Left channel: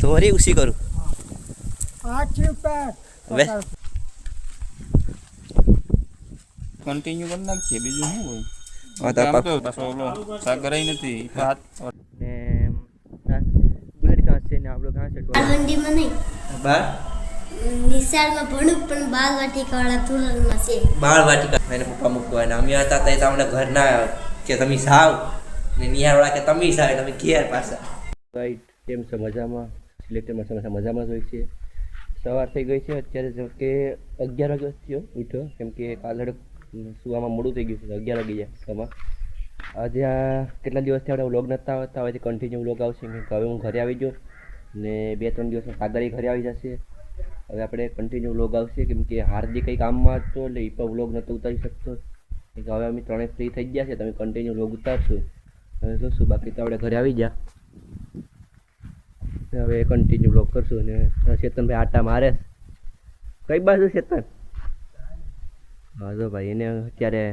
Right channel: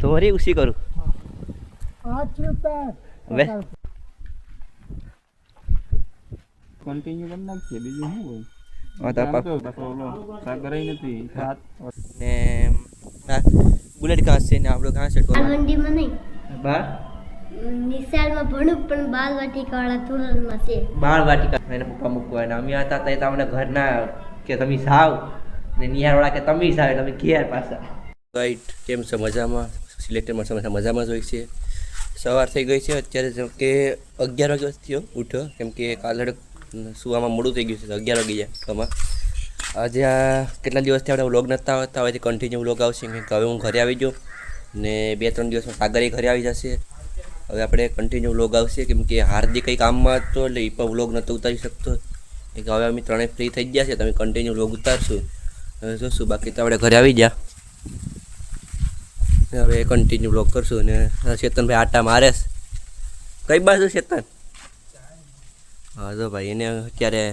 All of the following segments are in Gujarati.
ધોરી ઉસી કરું હવે કન્ટિન્યુ કરી નાખીએ બીજું શું હોય હા તો આમ તો પાછો ઓલો સાગર નથી ને બુલેટ ઘાસ છે ને આપણો ઘાસ છે મંડીમાં નહીં બાર નિશાળમાં ભણું પણ બાલવાટિકાવાળા ધોરણમાં છે. બાળ વાટિકા એને પપ્પા મૂકવાના અમે હતા તો તમને ઘર ના કે તમે સાવ ને નિહાળવાળા કે તમે સાવ તમે ઘેર પાછા રાઈટ કેમ છે મજામાં સિલેક્ટરમાં સમસ્યા મજામાં જ હોય છે. સવાર થઈ ગઈ છે અત્યારે જેમ કે 11 વાગ્યા થયો ઉઠ્યો કેમ કે કાલે સુવામાં મોડું થઈ ગયું છે 11 વાગી જાય આમાં આજે આ કેટલા દિવસથી આપણે વ્લોગ નહોતા આવતા હવેથી કન્ટિન્યુ વ્લોગ આવશે કેમ કે હવે હું ઘરે આવી ગયો ને 2-3 દિવસમાં સાગરી ઘરે આવી જશે. હવે આપણે કન્ટિન્યુ વ્લોગ આવશે કેમ કે હાર્દિક કંઈ કામમાં હતો એટલે એ પણ વ્લોગ નહોતો ઉતારી શકતો કે હવે અમે ત્રણેય ફ્રી થઈ ગયા છે તમે કન્ટિન્યુ વ્લોગ ઉતારશું હવે જોશું બાકી તો આપણે ઘરે આવી ગયા હવે કન્ટિન્યુ વ્લોગ કરશું ને ચેતનભાઈ આટા મારે કઈ બાજુ ચેતન હા જો ભાઈ એને અત્યારે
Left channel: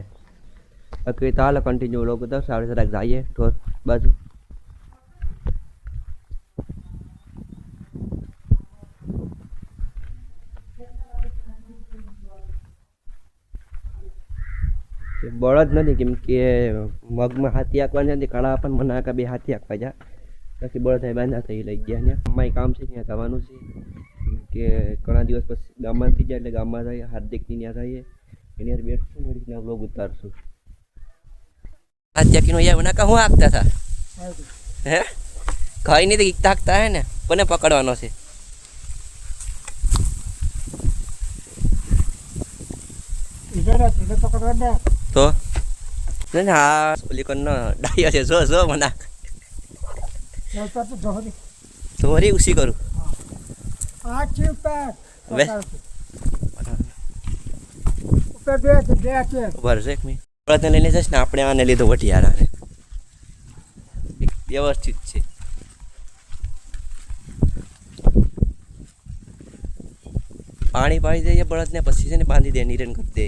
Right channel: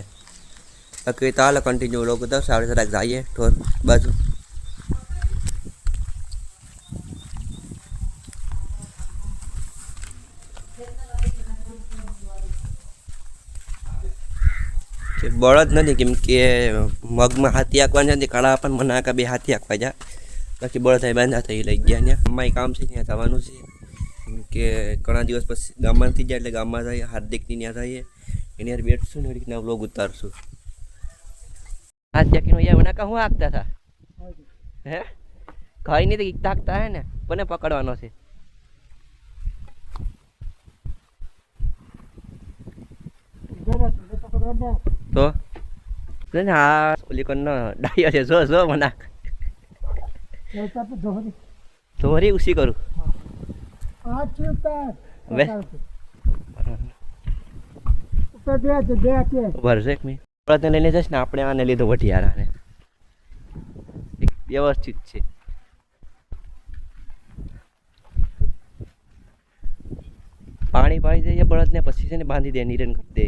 કઈ તો હાલ કન્ટિન્યુ વ્લોગ ઉતારશું આપણે જરાક જઈએ ઢોર બાજુ બળદ નથી કેમ કે મગમાં હાથી આંકવાના નથી કાળા પણ મને આંકા બે હાથી આંકવા જા બાકી બળદ બાંધા થઈ લઈ ગયા ત્યાં અમારી કામ છે ત્યાં જવાનું છે કેમ કે ઘણા દિવસ પછી ગામમાં થઈ જાય એટલે ગામમાં જઈએ હાર્દિકની ત્યાં જઈએ એની યાર બેઠશું ને રીતના વ્લોગ ઉતારશું હા ત્યાં યાર મને હું આંકતા હતા હે કઈ નહીં તો ઈકતા આંકતા હે ને કોને પકડવાનો છે તો હા ઓલી કોણ ડાયા છે જો જો મને ધોરી ઉસી કરું હવે ભરશે એક મિનિટ બળદને લઈને જઈશ ને આપણે આને લીધો વઢિયારાને વ્યવસ્થિત છે પાણી પાડી દઈએ બળદને પછી છે ને બાંધી દે નિરણ કરી દે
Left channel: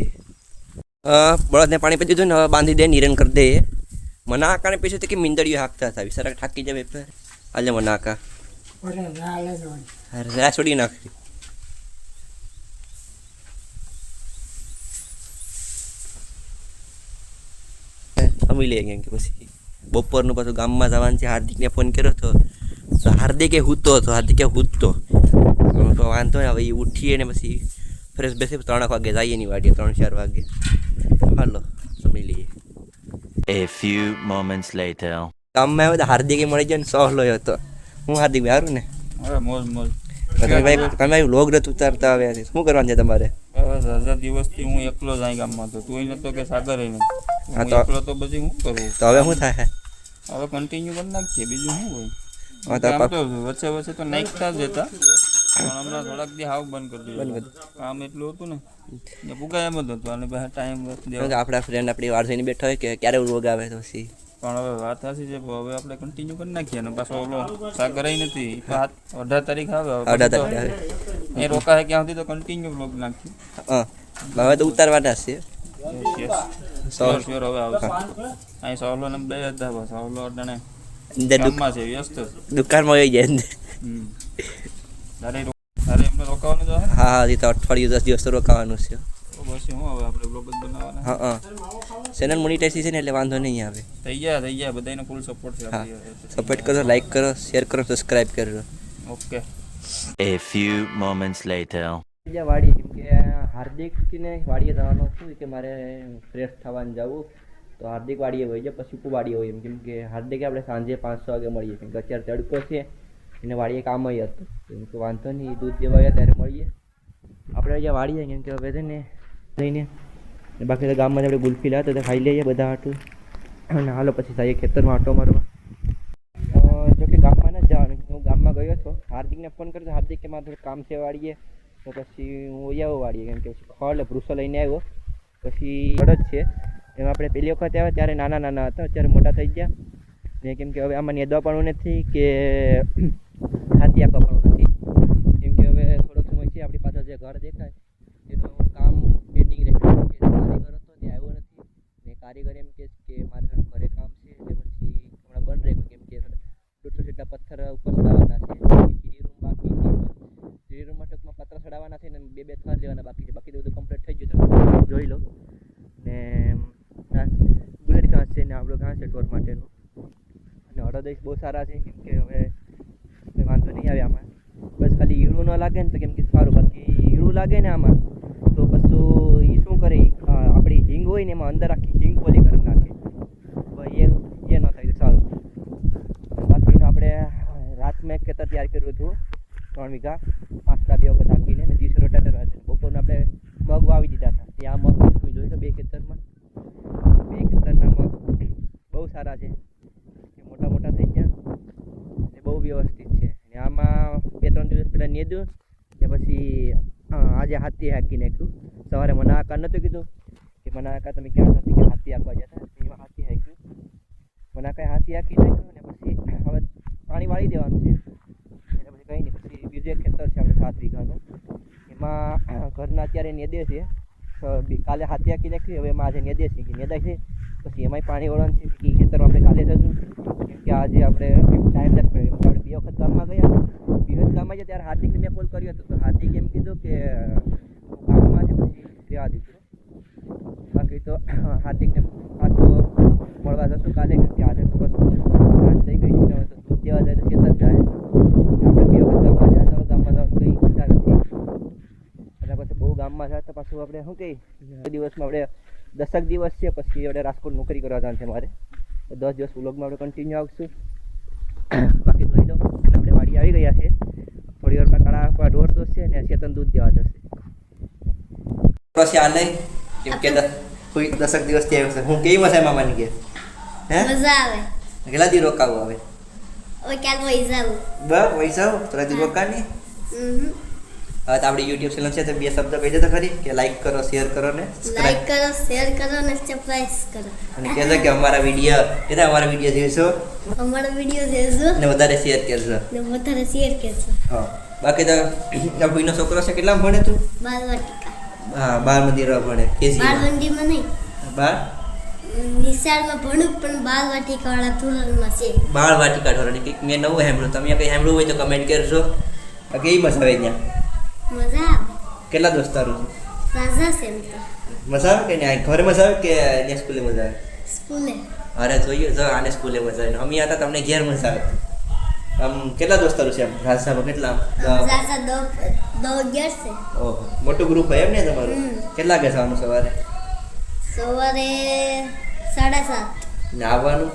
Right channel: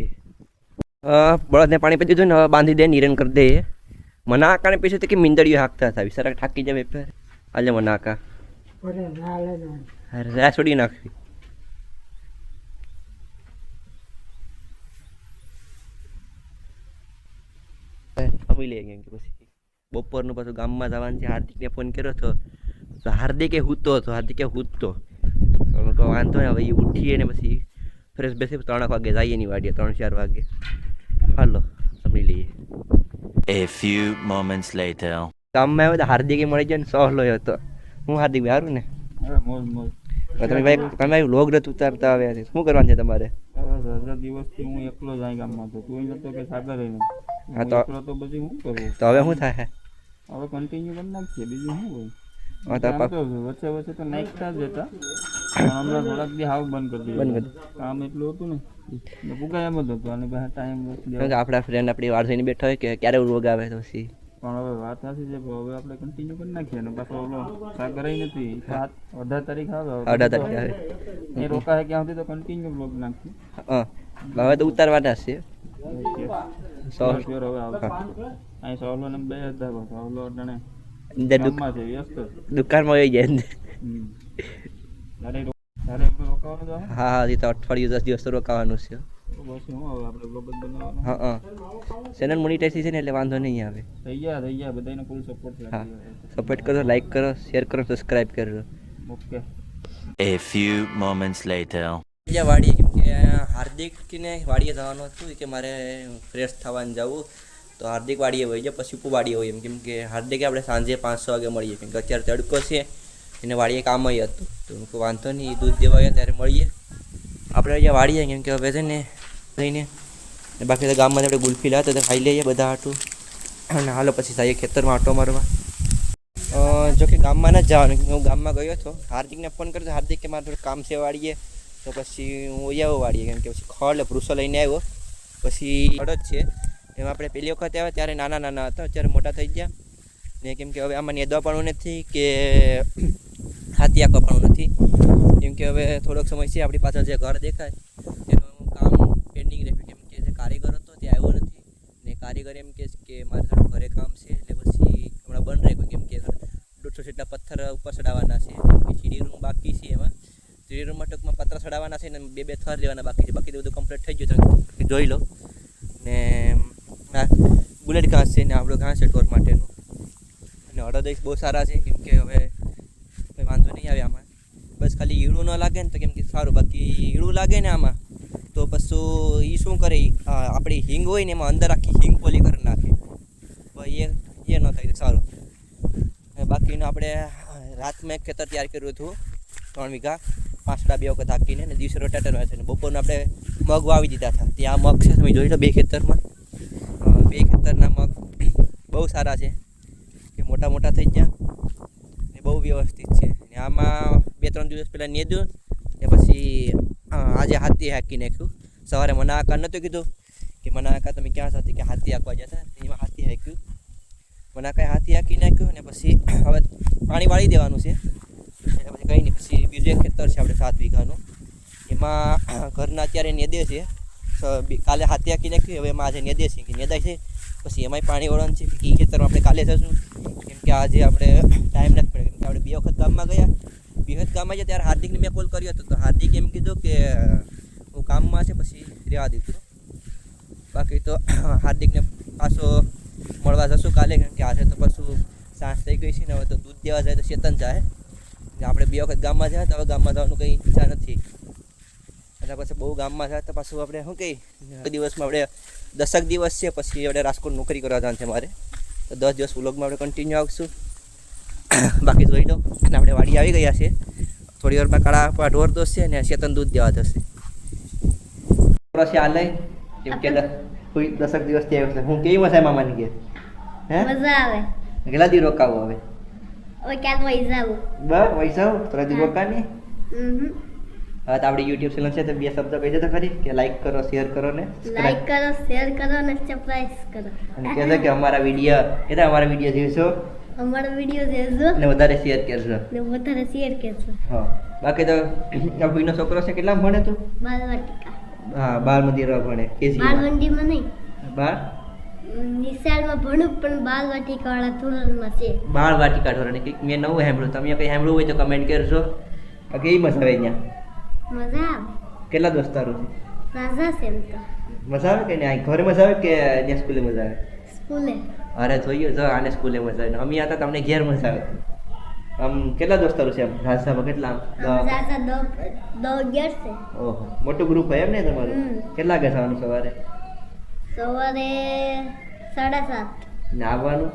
બળદને પાણી પી દીધું ને હવે બાંધી દે નિરણ કરી દે મને આકાને પીછે તો કે મીંદડીઓ હાંકતા હતા વિચારા થાકી જાય પેપર આજે મને આકા રા છોડી નાખી સમજી લે કેમ કે પછી બપોરનું પાછું ગામમાં જવાનું છે હાર્દિકને ફોન કર્યો હતો તો હાર્દિકે હૂતો હતો હાર્દિકે હૂતો તો વાંધો ને હવે એ ઉઠીએ ને પછી ફ્રેશ બેસી 3 વાગે જઈએ ની વાડીએ 3-4 વાગે હાલો સમજી લઈએ. A few moments later. ગામમાં આવ્યો તો હાર્દિકે મળી જાય ને સહલો હતો હું હાર્દિક સારું ને હવે મોજ મોજ તમે વ્લોગ નથી ઉતારતા આવે શું કરવાનું છે તમારે હવે 1000 દિવસથી હું એકલો જ આ ગામમાં હતો તું નતો કે સાગર નહીં હા તો એકલો તો પછી હું કરું તો હવે શું થાય હવે કન્ટિન્યુ કરી નાખીએ બીજું શું હોય હા તો આમ તો વચ્ચે વચ્ચે તો નાખતા જ હતા પણ હમણાં થોડાક દી હાવ બંધ કરી દીધું કામ એટલું હતું ને પુગાય એમ જ હતું અને પછી ટાઈમ આપણા ફ્રેન્ડ આપણી વાર થઈને બેઠા હોય કે ક્યારે વ્લોગ આવે તો પછી પણ હવે વાત સાચી છે હવે આપણે કન્ટિન્યુ કરી નાખીએ અને પાછો ઓલો સાગર નથી 18 તારીખ આવે 18 તારીખ આવે એ રોકાય ક્યાં સુધી તો કન્ટિન્યુ બ્લોગ નાખીએ હા હવે તો ઉતારવાના છે હવે આવશે અહીં સોલો ને 2000 સોલો અડાણે ગામમાં છે વ્યસ્ત દુકાનમાં આવી જાય તારે એમને રોકાવાનું છે હા એ તો અઠવાડિયું 10 દિવસ તો રોકાવાનું છે પછી હું હવે આપણે બ્લોગ જ બનાવવાના હા ચેનલ મોનિટાઇઝેશન એટલે વાંધો નહીં આવે થઈ ગયા બધાનો ફૂલ સપોર્ટ છે હા સપોર્ટ કરો લાઈક કરો શેર કરો સબસ્ક્રાઇબ કરો okay. A few moments later. બીજા વાડીએ કેમ કે હાર્દિકને વાડીએ જવાનું હતું કે મારે ફ્રેશ થવાનું જવું તો હાર્દિક વાડીએ હોય છે પછી ઉપુ વાડીએ હોય એમ કેમ કે હાર્દિકે આપણે સાંજે 5-6 વાગે મળીએ કેમ કે અત્યારે તડકો છે એને વાડીએ કામ હતું તો વાંધો નહીં દૂધ દેવા આવ્યા ત્યારે મળીએ આપણે અહીંયા વાડીએ કેમ કે હવે છે ને જઈને બાકી તો ગામમાં આપણે ગુલ્ફી લાવતા તો ખાઈ લઈએ બધા હાટું અને હાલો પછી જઈએ ખેતરમાં આટો મારવા જો કે ગામમાં ન જવાનું હું ગામમાં ગયો હતો હાર્દિકને ફોન કર્યો તો હાર્દિક કે મારે થોડું કામ છે વાડીએ તો પછી હું આવ્યો વાડીએ કેમ કે પછી ખડ ભૂસો લઈને આવ્યો પછી ખડ જ છે એમાં આપણે પહેલી વખત આવ્યા ત્યારે નાના હતા અત્યારે મોટા થઈ ગયા ને કેમ કે હવે આમાં નેદવા પણ નથી કે હાથી આંકવા પણ નથી કેમ કે હવે થોડોક સમય છે આપણી પાછળ જે ઘર દેખાય એનું કામ પેન્ડિંગ રહે કે કારીગર હતો તે આવ્યો નથી ને કારીગર એમ કે મારે થોડું ઘરે કામ છે એટલે પછી હમણાં બંધ રાખ્યું કેમ કે 150 જેટલા પથ્થર ઉપર ચડાવવાના છે. સીડી રૂમ બાકી છે એમાં. સીડી રૂમમાં ટૂંકમાં પતરા ચડાવવાના છે ને બે થર લેવાના બાકી છે. બાકી તો બધું કમ્પ્લીટ થઈ ગયું તમે જોઈ લો. ને આ બુલેટ ઘાસ છે ને આપણો ઘાસ છે ઢોર માટેનું. અને અડદ બહુ સારા છે કેમ કે હવે કંઈ વાંધો નહીં આવે આમાં. બસ ખાલી ઈળું ન લાગે ને તો કેમ કે સારું. બાકી ઈળું લાગે ને આમાં તો પછી એ શું કરે, આપણી હિંગ હોય ને એમાં અંદર આખી હિંગ પોલી કરી નાખે. ભાઈ એ ન થાય તો સારું. બાકીનું આપણે રાતમાં એક ખેતર તૈયાર કર્યું હતું 3 વીઘા, 5 2 વખત હાકીને ને દિવસે રોટેટર છે ને બપોરને આપણે મગ વાવી દીધા હતા. ત્યાં મગ છે તમે જોઈ લો 2 ખેતરમાં. 2 ખેતરના મગ બહુ સારા છે કે મોટા મોટા થઈ ગયા ને બહુ વ્યવસ્થિત છે. ને આમાં 2-3 દિવસ પહેલાં નેદ્યું ને પછી આજે હાથી હાકી નાખ્યું. સવારે મને આકાર નહોતું કીધું કે મને આકાર તમે ક્યાં સાથે કે હાથી હાંકવા જતા, એમાં હાથી હાંક્યું. મને કાંઈ હાથી હાંકી નાખ્યું ને પછી હવે પાણી વાળી દેવાનું છે. એટલે પછી કંઈ નહીં. પછી બીજું એક ખેતર છે આપણે 7 વીઘાનું, એમાં ઘરના અત્યારે નેદે છે. કાલે હાથી હાંકી નાખ્યું, હવે એમાં આજે નેદે છે કે નેદાય છે. પછી એમાંય પાણી વળવાનું છે કે એ ખેતરમાં આપણે કાલે જશું કેમ કે આજે આપણે ટાઈમ નથી પડે. આપણે 2 વખત ગામમાં ગયા. 2 વખત ગામમાં ગયા ત્યારે હાર્દિકને મેં કોલ કર્યો હતો તો હાર્દિક એમ કીધું કે હું કામમાં છે પછી રહેવા દીધું. બાકી તો હાર્દિકને પાછો મળવા જશું કાલે કેમ કે આજે તો પાછું સાંજ થઈ ગઈ છે ને હવે તો દૂધ દેવા જાય તો ચેતન જાય. આપણે 2 વખત ગામમાં જાય તો હવે ગામમાં જવાનું કંઈ ઈચ્છા નથી. એટલે પછી બહુ ગામમાં જાય તો પાછું આપણે શું કહી દિવસમાં આપણે 10 દિવસ છે પછી આપણે રાજકોટ નોકરી કરવા જવાનું છે મારે. તો 10 દિવસ વ્લોગમાં આપણે કન્ટિન્યુ આવશું. બાકી જોઈ લો અને આપણે વાડી આવી ગયા છે. થોડી વારમાં કાળા ઢોર દોસ છે ને ચેતન દૂધ દેવા જશે. આ લઈ કેમ કે 10 દિવસ ત્યાં આવ્યો છે. હું કેવી મજા મામાની કે હે મજા આવે. કેટલા દી રોકાવું હવે? હવે ક્યાંક વહી જાવું. બસ વહી જાવ થોડા દી રોકાની. હવે તો આપણી યુટ્યુબ ચેનલ છે તો 2 શબ્દ કહી દે તો ખરી કે લાઈક કરો, શેર કરો ને લાઈક કરો, શેર કરો ને સબસ્ક્રાઇબ કરો. અને કહેજો કે અમારા વિડીયો જોઈશો અમારો વિડીયો જોજો ને વધારે શેર કરજો. ને વધારે શેર કરજો. હા બાકી તો આ ભાઈનો છોકરો છે કેટલા ભણે તું? બાલવાટિકા. હા 12 મંદિર ભણે કેજી બાલવંડીમાં નહીં, 12 નિશાળમાં ભણું પણ બાલવાટિકા વાળા ધોરણમાં છે. બાળવાટિકા ઢોરણે કંઈક મેં નવું સાંભળ્યું. તમે કંઈ સાંભળ્યું હોય તો કમેન્ટ કરજો. કેવી મજા આવે ત્યાં? મજા આવે. કેટલા દોસ્તારો છે? રાજા છે એમ તો. મજા આવે કે નહીં? ઘરે મજા આવે કે ત્યાં સ્કૂલે મજા આવે? સ્કૂલે. અરે જોયું જો આને સ્કૂલે મજા આવે ને અમે હતા તમને ઘેર મજા આવે. આમ કેટલા દોસ્તારો છે આમ રાજસામાં કેટલા? રાજા 10 છે. ઓહો મોટું ગ્રુપ હોય એમ ને તમારું? કેટલા વાગે જવાનું સવારે? સવારે 7:30 ને આવવાનું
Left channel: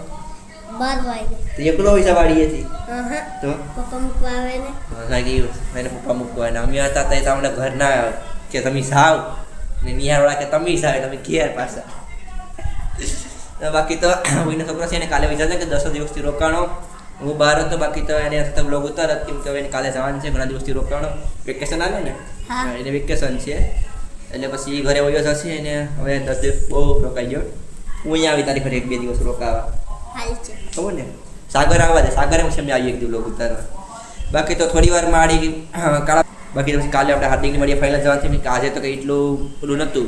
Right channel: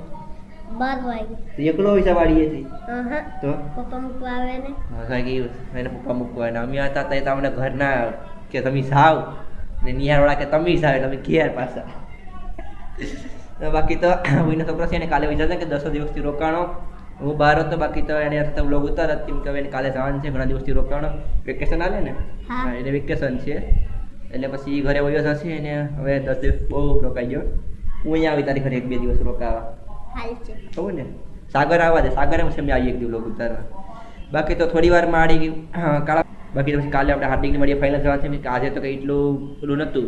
12 વાગે. તો એકલો હોય છે વાડીએથી હા તો? પપ્પા મૂકવા આવે ને. હા એને પપ્પા મૂકવા ને અમે હતા તો અમને ઘરના કે તમે સાવ ને નિહાળવાળા કે તમે સાવ તમે ઘેર પાછા. બાકી તો કોઈનો છોકરો છે ને કાલે વિચારશે કે 10 દિવસથી રોકાણો. હું બહાર હતો બાકી તો એને બ્લોગ ઉતારત કેમ કે હવે એને કાલે જવાનું છે. ઘણા દિવસથી રોકાણો વેકેશન આવે ને એને વેકેશન છે એટલે પછી ઘરે વયો જશે એને હવે 10 દિવસ બહુ રોકાઈ ગયો. હું અહીંયા આવી તારી ઘરે 1-2 દિવસ રોકાવા હાલ છે. ખબર ને સાગર આવવા દે. સાગર એમ છે અમે આવીએ 1 દિવસ બ્લોગ ઉતારવા. બાકી તો થોડી વારમાં આડી કાળા. બાકી તો પછી કાલે આપણે હાર્દિકની મળીએ ફાઇનલ જવાનું છે કે આજે તો કંઈ એટલું પેલું નહોતું.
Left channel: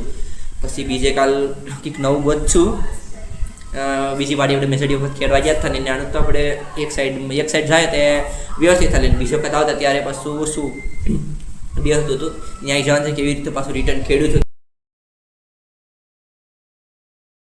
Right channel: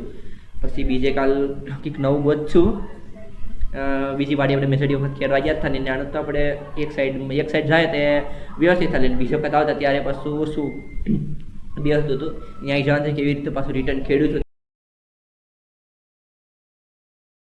પછી બીજે કાલ કંઈક નવું ગોતશું. બીજી વાડી આપણે મેસેડી વખત ખેડવા ગયા હતા ને આનું તો આપણે એક સાઈડ જાય તે વ્યવસ્થિત થાય. બીજી વખત આવતા ત્યારે પાછું શું બે હતું ત્યાં જવાનું છે કેવી રીતે પાછું રિટર્ન ખેડ્યું હતું